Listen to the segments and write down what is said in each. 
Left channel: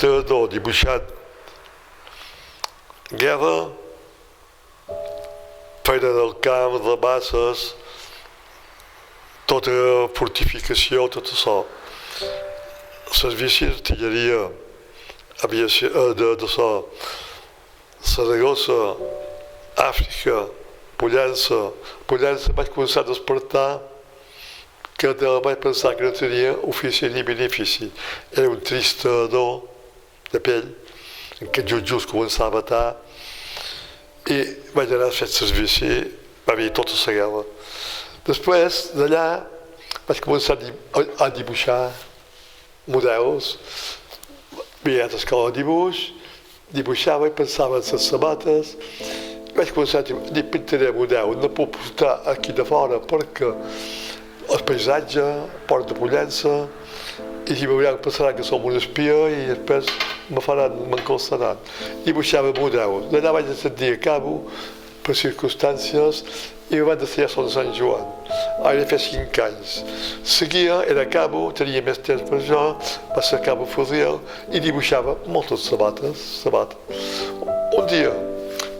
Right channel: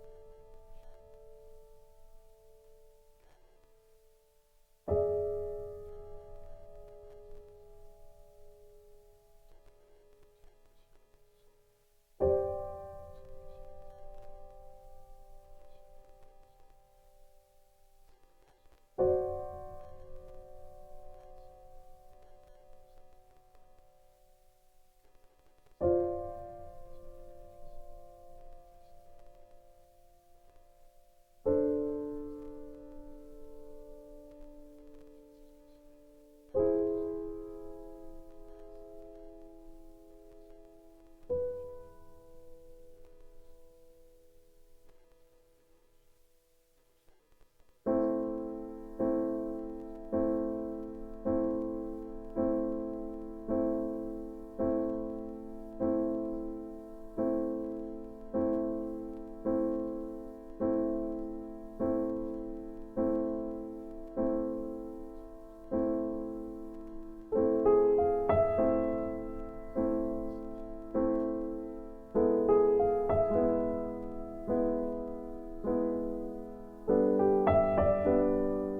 il·lustrador dibuixant guerra, feina del camp, de masses, tota fortificació, tot això. Servicis d'artilleria, aviació, d'això, Saragossa, Àfrica, Pollença. Pollença vaig començar a despertar que vaig pensar que no tenia ofici ni benefici. Era un tristador de pell, en què just començava a batar, i vaig anar a fer servici, va haver tota la guerra. Després d'allà vaig començar a dibuixar models, havia anat a escola de dibuix, dibuixava i pensava en les sabates. Vaig començar a dir, pintaré model, no puc portar aquí de fora perquè el paisatge, Port de Pollença, i si veuran pensaran que som un espia i després m'encolsaran. Dibuixava models. D'allà vaig decidir a cabo, per circumstàncies, i em van decidir a Sant Joan. Ara feia 5 anys. Seguia, era a cabo, tenia més temps per això, va ser a cabo fusil i dibuixava moltes sabates. Un dia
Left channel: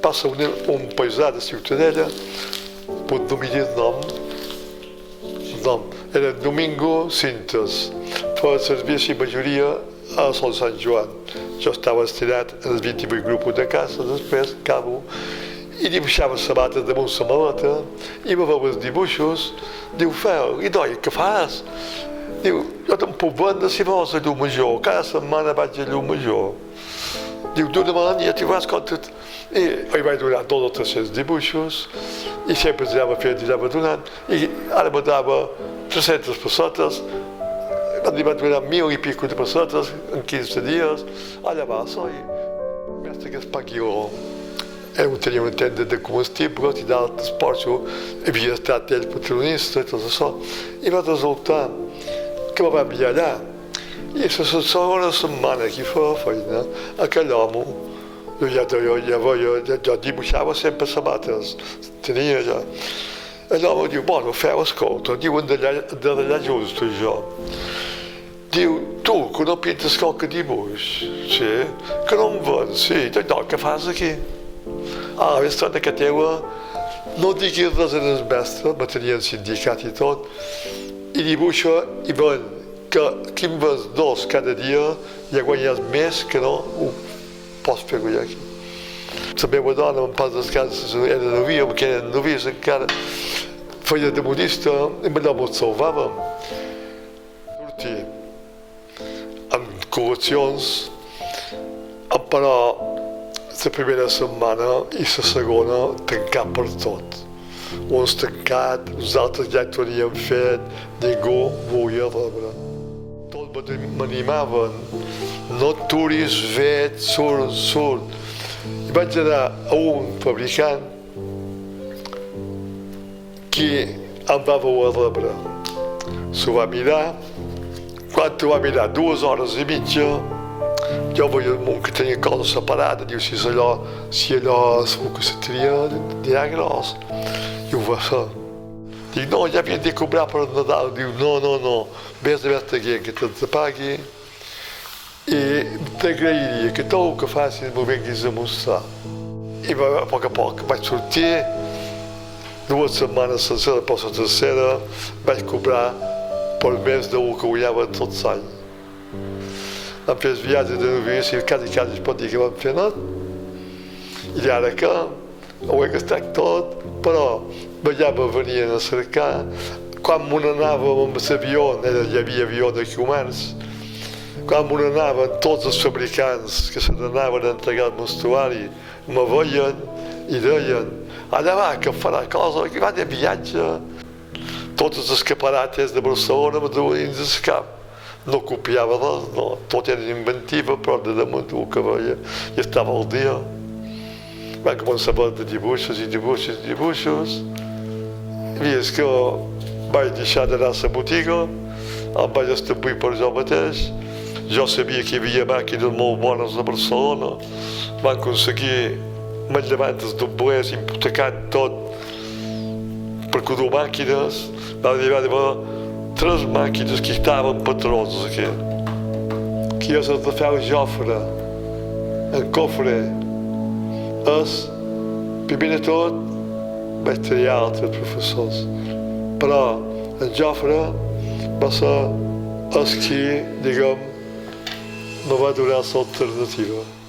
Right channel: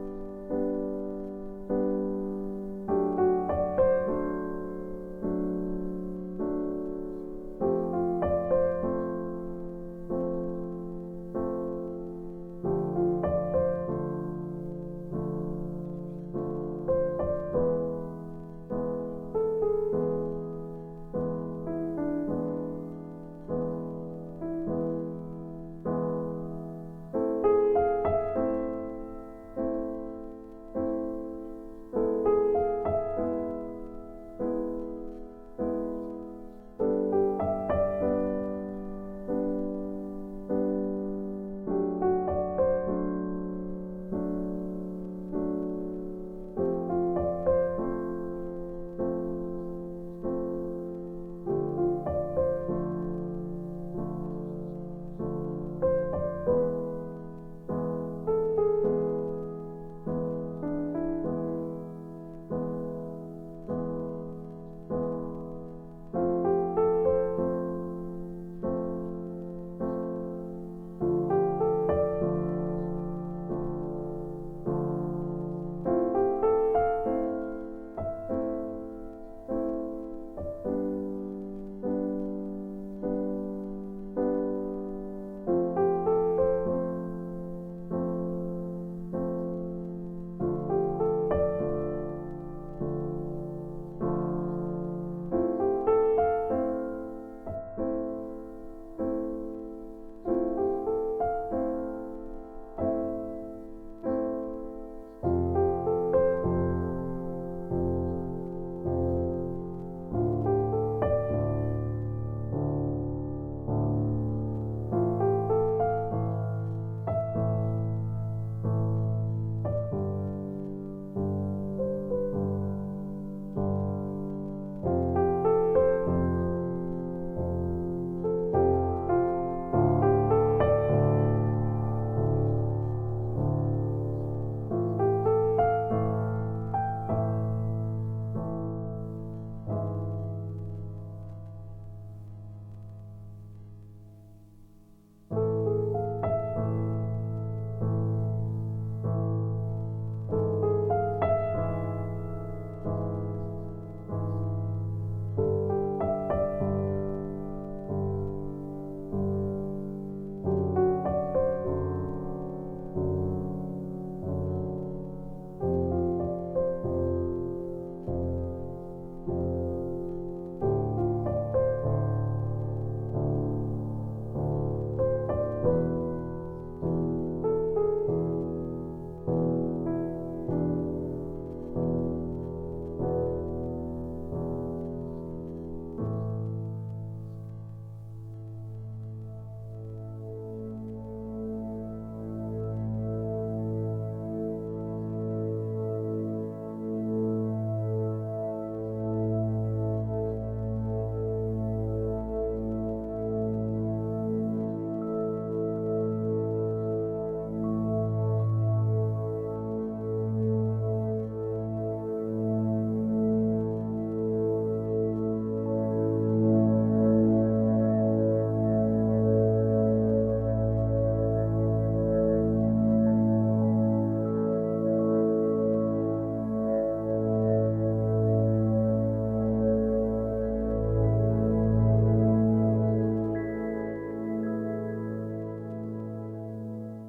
passa un paisà de Ciutadella, pot dominar el nom, era Domingo Cintas, feia servici majoria a Sant Joan. Jo estava estirat en els 28 grupos de casa, després, cabo, i dibuixava sabates damunt la maleta, i va veure els dibuixos, diu, Fel, i noi, què fas? Diu, jo te'n puc vendre si vols a llum major, cada setmana vaig a llum major. Diu, dona'm, ja t'hi vas compte. I li vaig donar 200 o 300 dibuixos, i sempre els anava donant, i ara me dava 300 pessetes, li va donar 1000 i pico de pessetes en 15 dies, allà va, i pensa que es pagui tenia una tenda de comestibles i d'altres porxos, havia estat ell patronista i tot això, i va resultar que me va enviar allà. I la segona setmana que feia feina, aquell home, jo dibuixava sempre sabates, tenia ja. L'home diu, bueno, Fel, escolta, diuen d'allà just, jo. Diu, tu, que no pintes qualque dibuix? Sí, que no em vens? Sí, no, què fas aquí? Ah, la estona que teua, no diguis res en el mestre, me tenia el sindicat i tot, i dibuixa i ven que qui em ves 2 cada dia ja guanyes més que no ho pots fer guanyar aquí. La meva dona, en pas descanses, era novia, perquè eren novies encara, feia de modista i allò m'ho salvàvem. Amb col·leccions, però la primera setmana i la segona tancat per tot. Uns tancat, uns altres ja ho havien fet, ningú volia rebre. Tots m'animaven, no aturis, vet, surt. I vaig anar a un fabricant que em va voler rebre. S'ho va mirar, quan ho va mirar 2 hores i mitja, jo veia el món que tenia coses separades, diu, si allò segur que se tria gros. I ho va fer. Dic, no, ja havia de cobrar per Nadal. Diu, no, vés a veure que te'ls pagui i t'agrairia que tot el que facis m'ho vinguis a mostrar. I a poc vaig sortir, 2 setmanes senceres, per la tercera vaig cobrar per més del que guanyava tots els anys. Vam fer els viatges de novici, quasi es pot dir que vam fer tot. I ara que ho he gastat tot, però allà me venien a cercar. Quan me n'anàvem amb l'avió, hi havia avió de comerç, quan me n'anaven tots els fabricants que se n'anaven a entregar el vestuari, me veien i deien, allà va, que farà cosa, que va de viatge. Tots els escaparates de Barcelona me duien dins el cap. No copiava res, no, tot era inventiva, però de damunt el que veia i estava al dia. Va començar a veure dibuixos. I és que vaig deixar d'anar a la botiga, em vaig establir per jo mateix. Jo sabia que hi havia màquines molt bones a Barcelona. Van aconseguir manllevantes doblers, hipotecant tot per cuidar màquines. Va arribar a 3 màquines que estaven patrons aquí qui és el Rafel Jofre, en Cofre, és, primer de tot, vaig triar altres professors, però en Jofre va ser el qui, diguem, me va donar l'alternativa.